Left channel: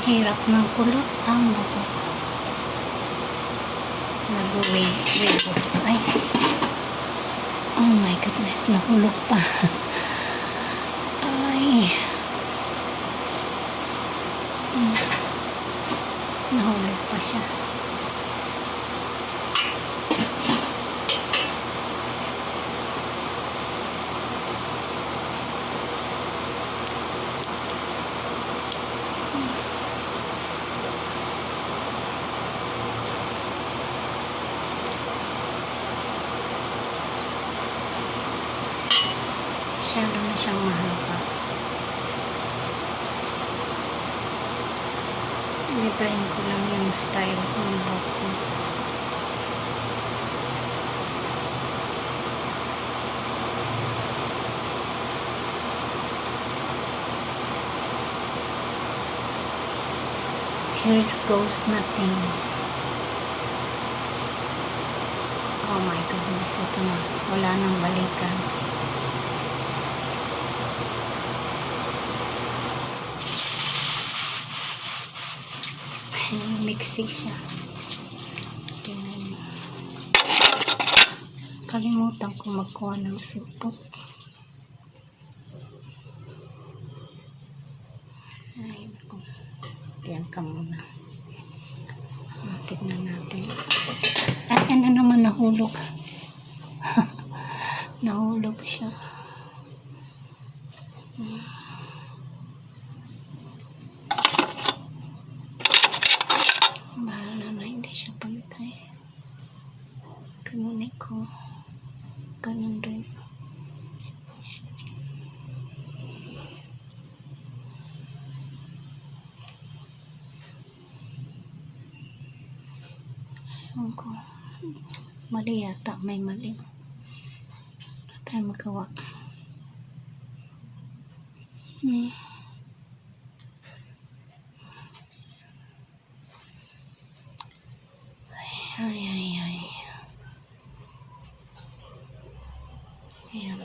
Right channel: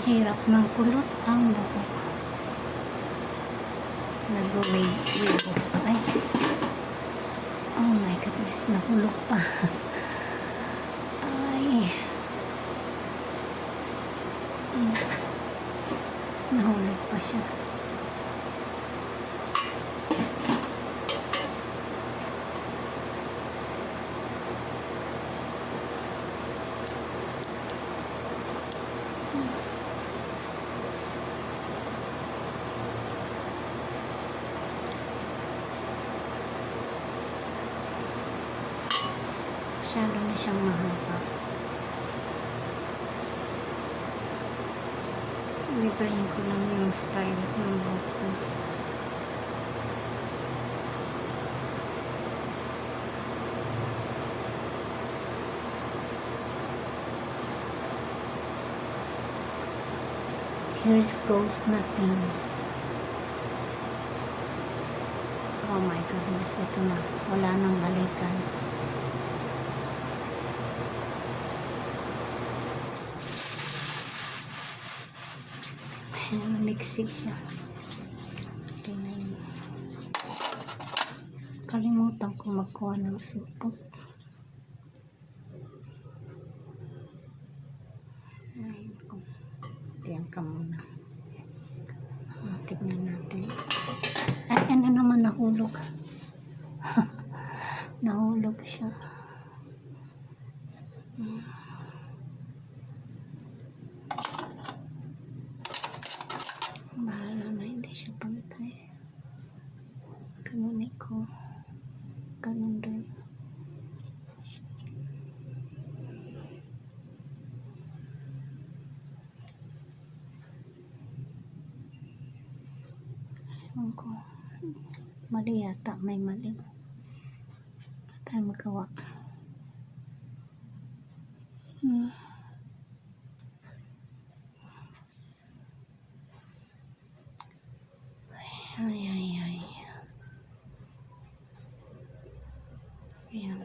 Hirap ng kulot ang buhok. Nag-wave. Ay. Oh my goodness, nahulog pa. Ay. Nahulog pa siya. Masyado na siyang mahaba. Ibahin ko lang yung style ng buhok ko. Here goes nothing. Oh my goodness, ito na. Wala nang balikan. Mixing siya. Kalimutan ko magkuha ng supot. Ay, naku. Diyan ka muna. Tignan natin. At ano naman nahulog. Nahulog siya. Bahala na, hindi siya pantay. Kanunin ko. Ganun rin. Ewan ko. Mali yata. May mali. Wala tayong magawa. Ay. Ayan.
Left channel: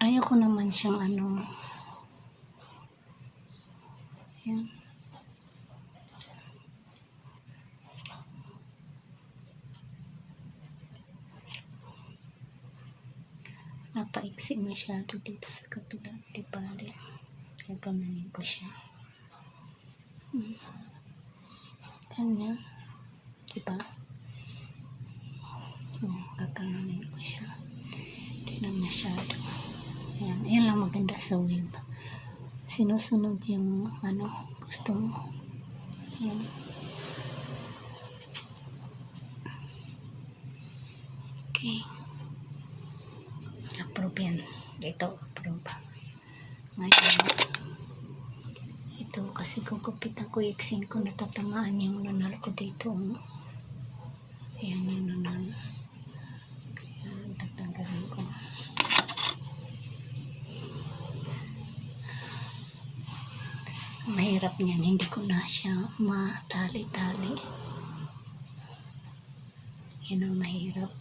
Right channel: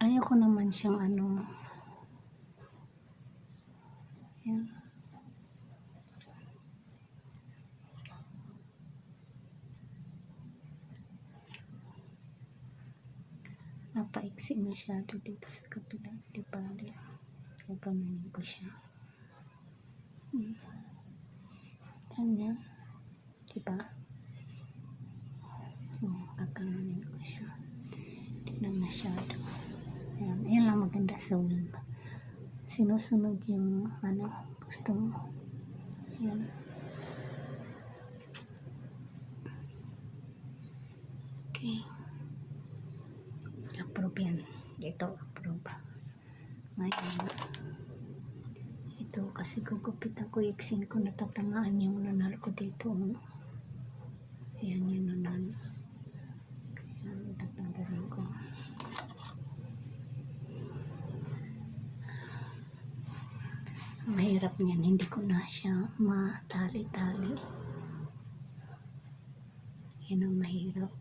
Ayoko naman siyang ano. Ayan. Napaiksi masyado dito sa kabila. Di bali. Gagamanin ko siya. Ganyan. Diba? Gagamanin ko siya. Hindi na masyado. Ayan. Ayan lang maganda sa wave. Sinusunod yung ano gusto mo. Ayan. Okay. Approve yan. Ito, approve. Ngayon, ito kasi kukupitan ko, iksin ko, natatamaan yung nanal ko dito. Ayan yung nanal. Kaya, tatanggalin ko. Mahirap niyan, hindi ko na siya matali-tali. Yan ang mahirap.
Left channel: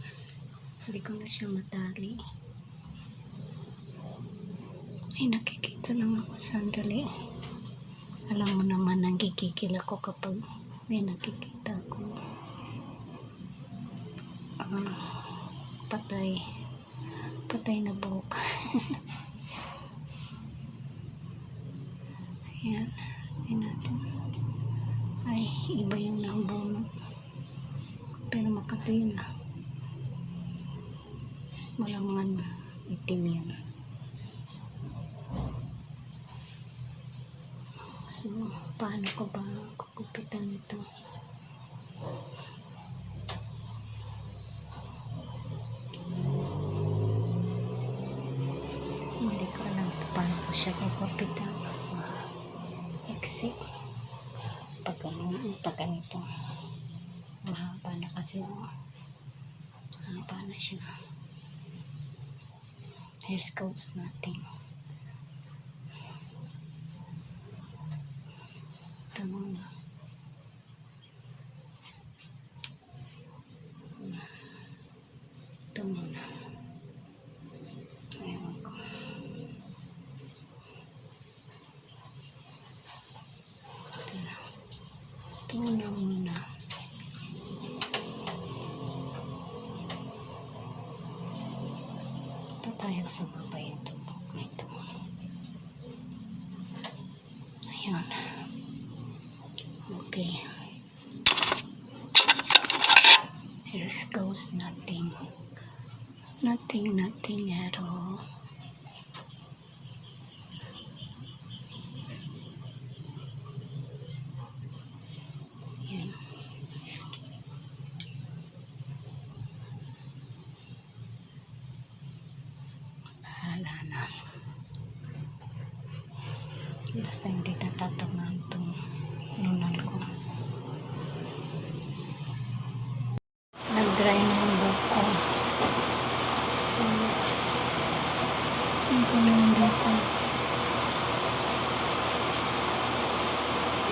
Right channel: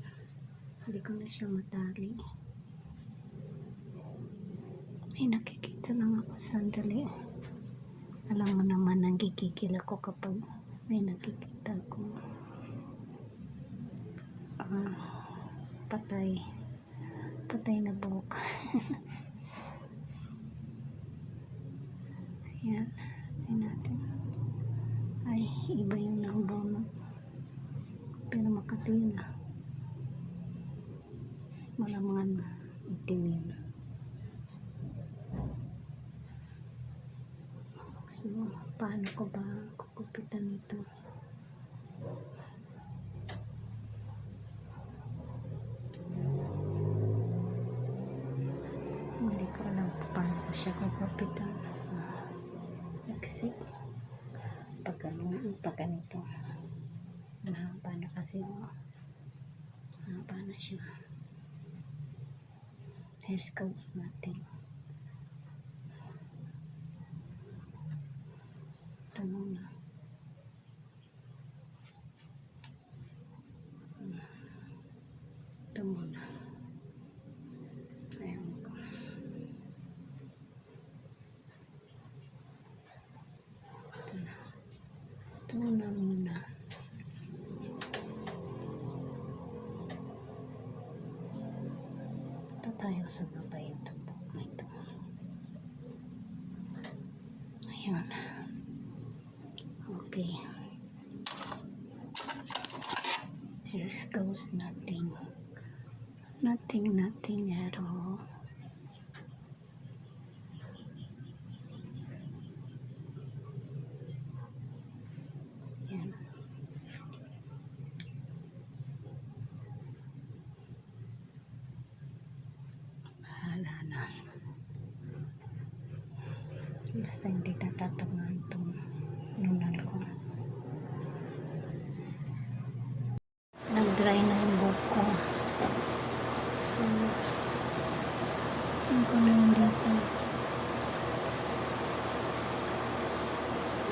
Hindi ko na siya matali. Ay, nakikita lang ako sandali. Alam mo naman, nagkikikil ako kapag may nakikita ko. Patay na buhok. Ayan, ayan natin. Ay, iba yung nabunod. Pero makati na. Malangan itim yun. So, paano ko ba kukupitan ito? Hindi ko alam paano ko siya kukupitan. Exit. Pag ganito. Mahaba na kasi. Mahaba na siya. Here's goes nothing. Ito muna. Ito muna. Ewan ko. Tapos nothing at all. Yan. Bahala na. Basta hindi natatamaan itong nunal ko. Nag-dry na yung buhok ko. So, hindi ko na yung dito.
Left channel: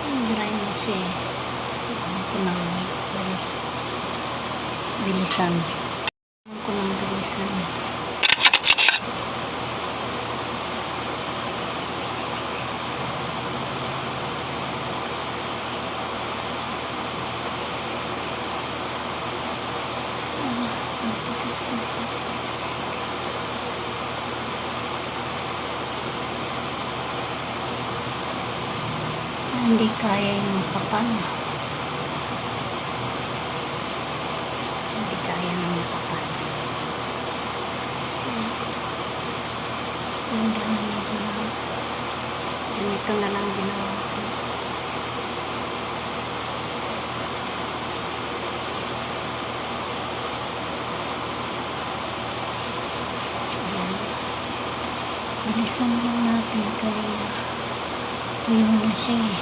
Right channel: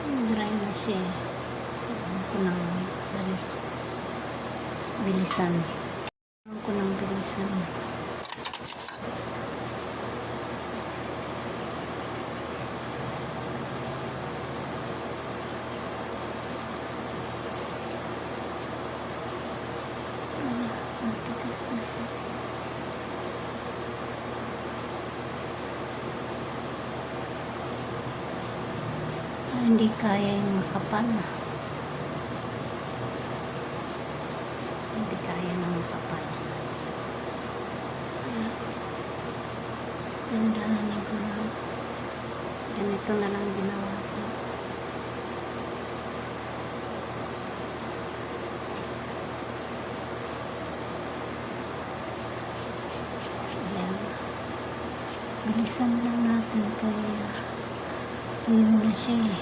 Nag-dry na siya eh. Hindi ko na bilisan. Hindi ko na bilisan. Hindi kaya yung makapal. Hindi kaya yung makapal. Ang dami niya ginawa. Ganito na lang ginawa ko. Ayan. Bilisan lang natin kaya tuyo na siya eh.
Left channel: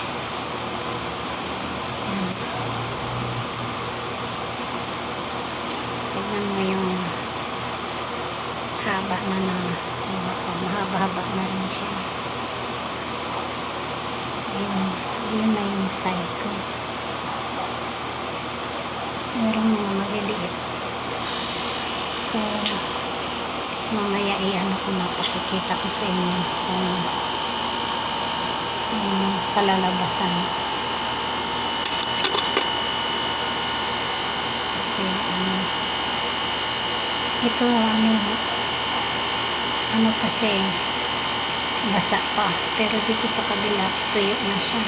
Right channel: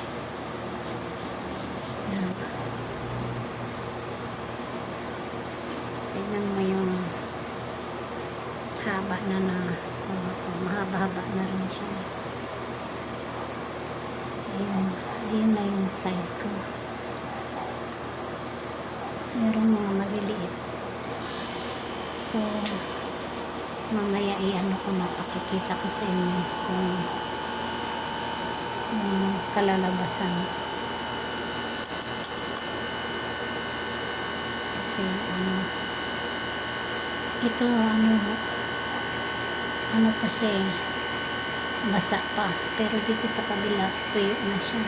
Ayan. Tignan mo yung haba na mahaba-haba na rin siya. Yun na yung side ko. Merong mga maliliit. So, mamaya i-ano ko na, pakikita ko sa inyo yung kalalabasan. Kasi ito ano pa siya eh, basa pa, pero dito sa kabila tuyo na siya.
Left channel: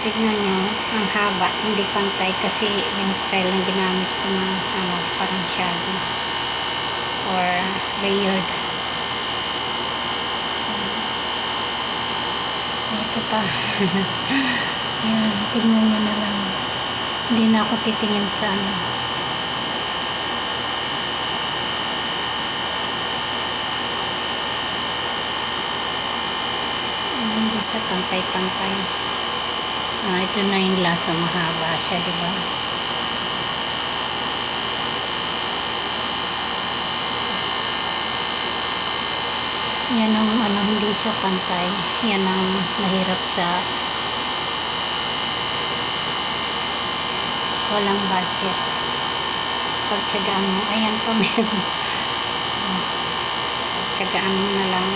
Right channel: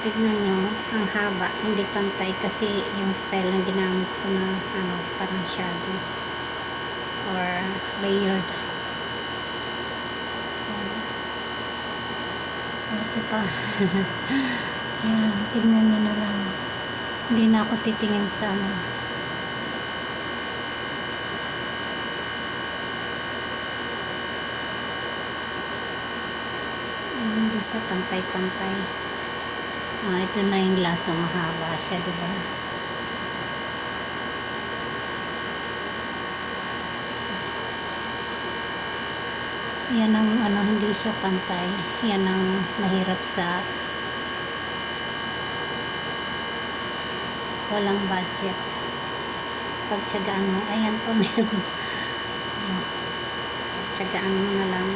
Tignan nyo, ang haba, hindi pantay kasi yung style na ginamit ko ng parang shadow or layered. Ito pa. Yan, tignan nyo na lang. Hindi na ako titingin sa hindi siya pantay-pantay. Ito na yung lasa, mahaba siya, diba? Yan ang hindi siya pantay. Yan ang mahirap sa walang budget. Pagtsagaan mo, ayan pa meron. Pagtsagaan mo na lang.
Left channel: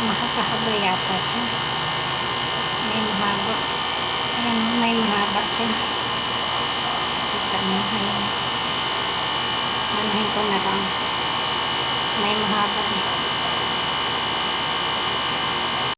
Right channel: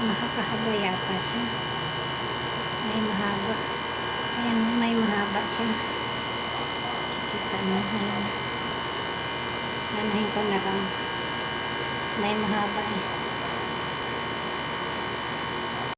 Makakahaba yata siya. May mahaba. Ayan, may mahaba siya. Kita mo, ayan. Anuhin ko na lang. May mahaba.